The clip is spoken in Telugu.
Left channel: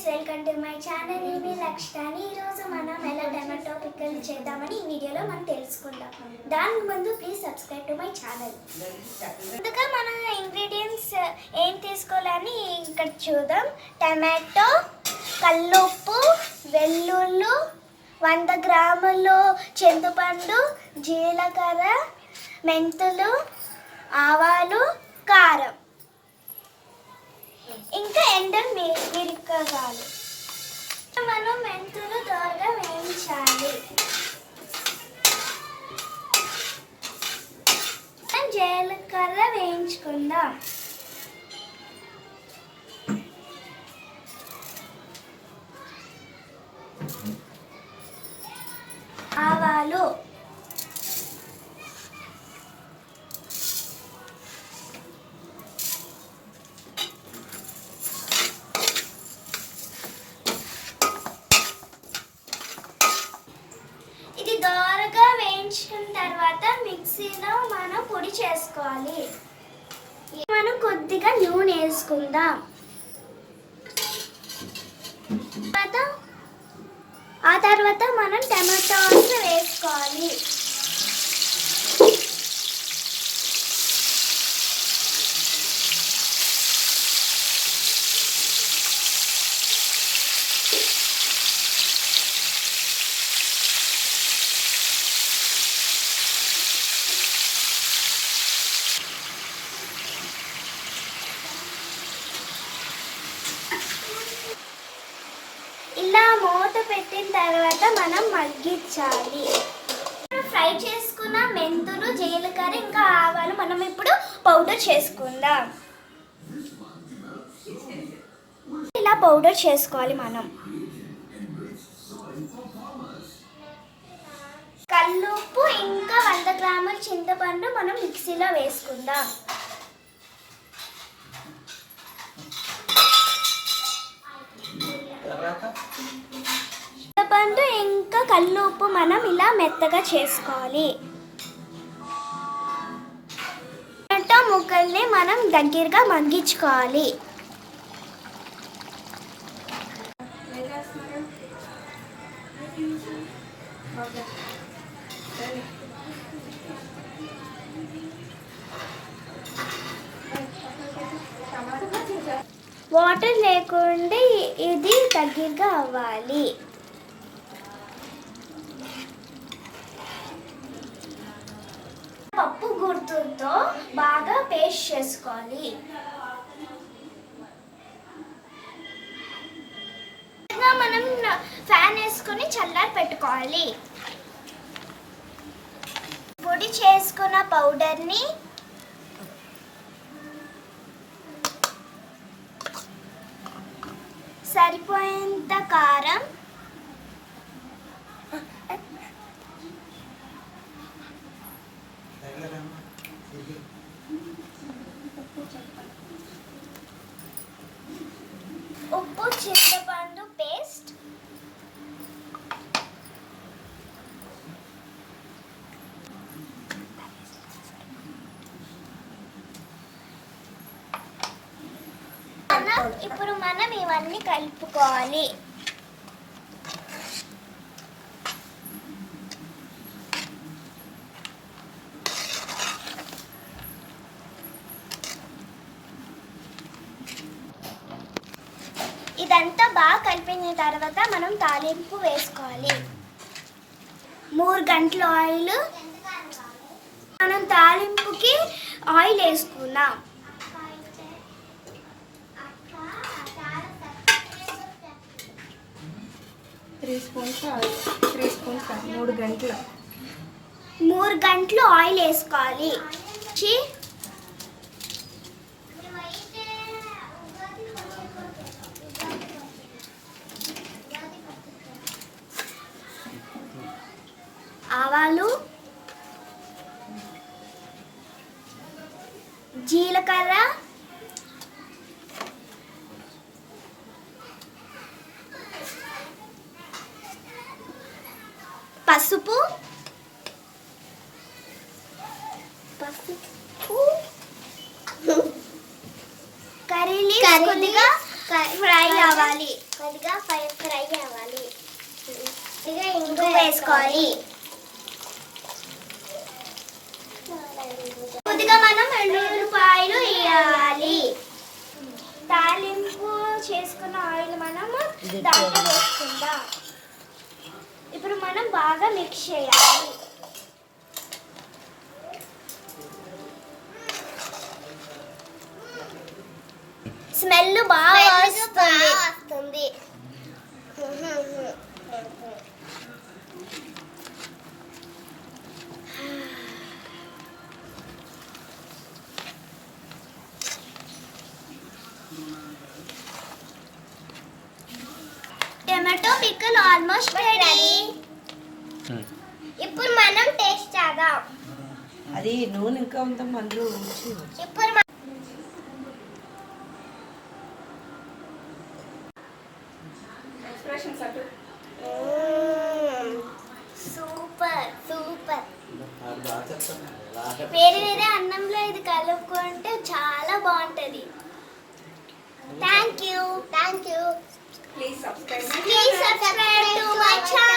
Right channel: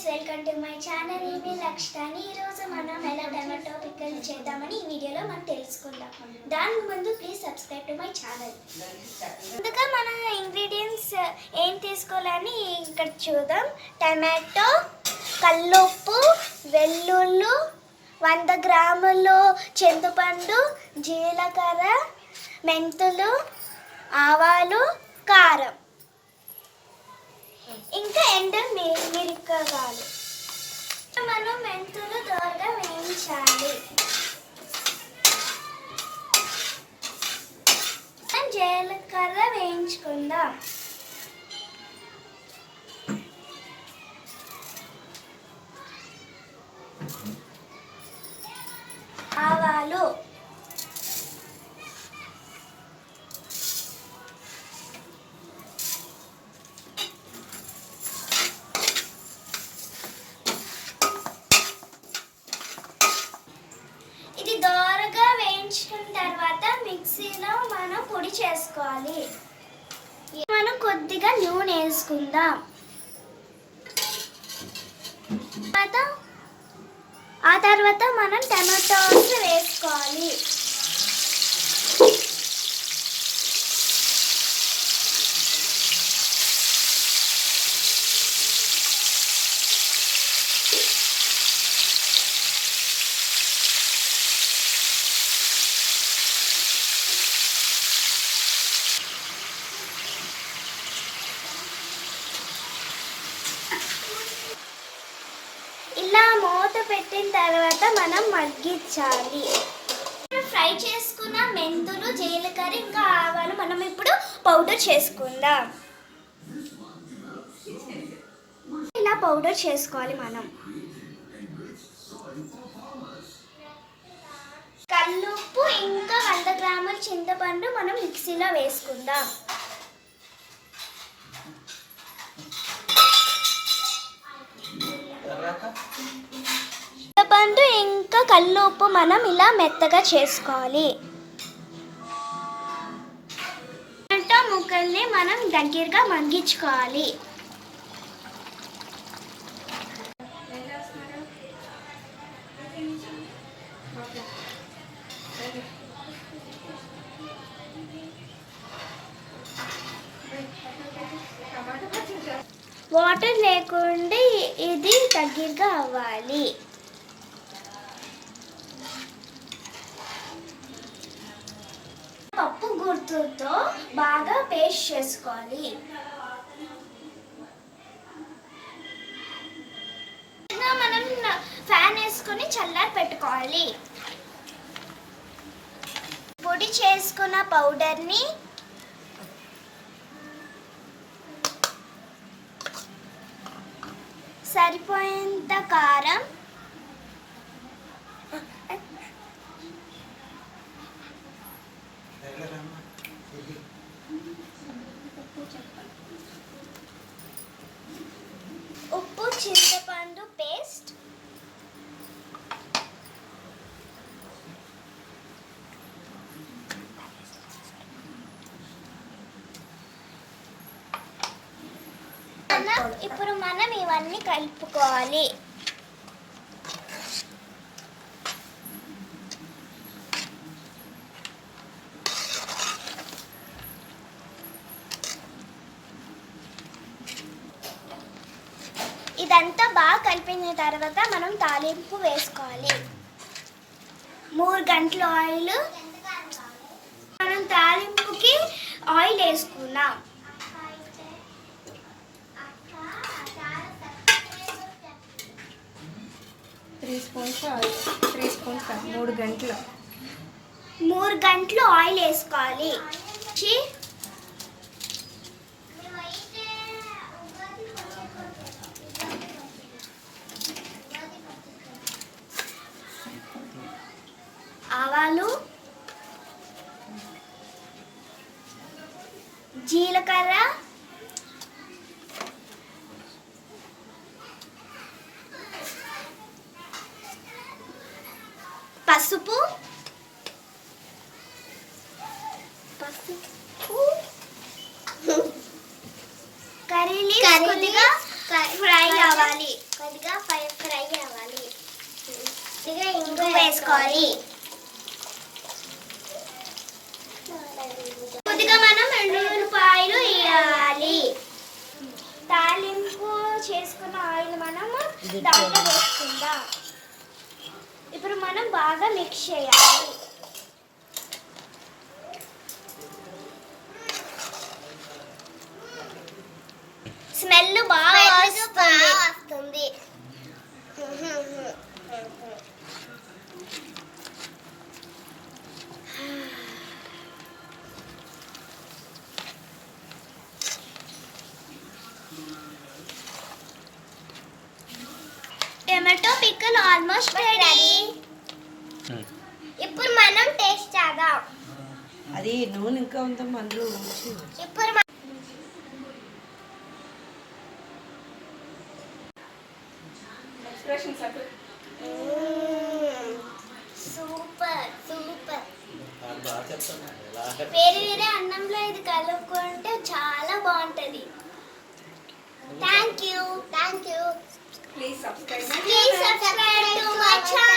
Guys, welcome to my channel. ఈమె లక్ష్యాని. ఈరోజు మనం ఎలా టమాటో పిక్కల్ చేద్దామని ఈ వీడియోలో మనం తెలుసుకుందాం. దానికి ముందు please subscribe to my channel. ముందుగా మన ఇంగ్రీడియంట్స్ ఏం తీసుకోవాలని ఇక్కడ చూద్దాం. టమాటో, కల్లుప్పు, వెల్లుల్లి, 100 గ్రాములు చింతపండు, జీలకర్ర, మెంతులు, ఆవాలు, కారం, ఇంకా మిరపకాయలు. మనం మెంతులు దోరగా వేయించాలి. జీలకర్ర వేయించుకుందాం. ఆవాలు, దోరగా వేయించుకున్న తర్వాత మిక్సీలో మనం పొడి చేసుకోవాలి. మనం కొద్దిగా నూనె వేసుకుందాం. ఆ తర్వాత మనం టమాటోలు వేసుకోవాలి. ఇలా మూత పెట్టిన తర్వాత మనం మగ్గించాలి. ఫ్రై చేసుకున్న మెంతులు, జీలకర్ర, ఇంకా ఆవాలు మనం ఇప్పుడు పౌడర్ చేసుకుందాం. ఇలా పౌడర్ చేసుకోవాలి. మనం కల్లుప్పు ఇంకా 100 గ్రాముల చింతపండు మనం మిక్సీలో వేసుకుందాం. చింతపండు ఇంకా కల్లుప్పు మనం ఇలా మెత్తగా చేసుకోవాలి. టమాటో ముక్కల్ని మనం దగ్గరగా మగ్గించుకోవాలి. వాటర్ లేకుండా ఇది దగ్గరగా అవ్వాలి. పప్పు గుర్తుతో బాగా పేస్ట్ చేసుకోవాలి. మనం ఫ్యాన్ వేసుకొని చల్లారి పెట్టుకోవాలి. పొడి చేసుకున్న పౌడర్ని సరిపోయేంత కారం, ఉప్పు, చింతపండు పేస్ట్, ఇప్పుడు మనం ఇవన్నీ కలుపుకోవాలి. ఇదంతా బాగా కలిపిన తర్వాత మనం తాలింపు వేసుకోవాలి. 3 గంటల ఆయిల్. మనం తాలింపుకి ఆయిల్ వేసుకుందాం. 3 గంటలు 3 గంటలు ఆయిల్ వేసుకోవాలి. ఆవాలు, జీలకర్ర, పసుపు, కర్రీ లీవ్స్ కొద్దిగా ఫ్రై అవ్వాలి. కొద్దిగా ఫ్రై అవ్వాలి. కొద్దిగా ఇంగు వేసుకోవాలి. కొద్దిగా మనం ఎండుమిరపకాయలు వేయాలి. తాలింపు చేసుకున్న ఆయిల్ మనము దాంట్లో వేసుకుందాం. ఇప్పుడు మనం బాగా మిక్స్ చేయాలి. స్మెల్ బాగా వస్తుంది. Tomato pickle almost ready. ఇప్పుడు మనం టేస్ట్ చేద్దాం. అది నూనె ఇంకా ఉందాం అందులో ఉంచి. ఇప్పుడు సూపర్ సూపర్. వేరే వేరే అన్నంలో ఇది కలుపుకుంటే చాలా బాగుంటది. Thank you. Please subscribe Please subscribe to my channel.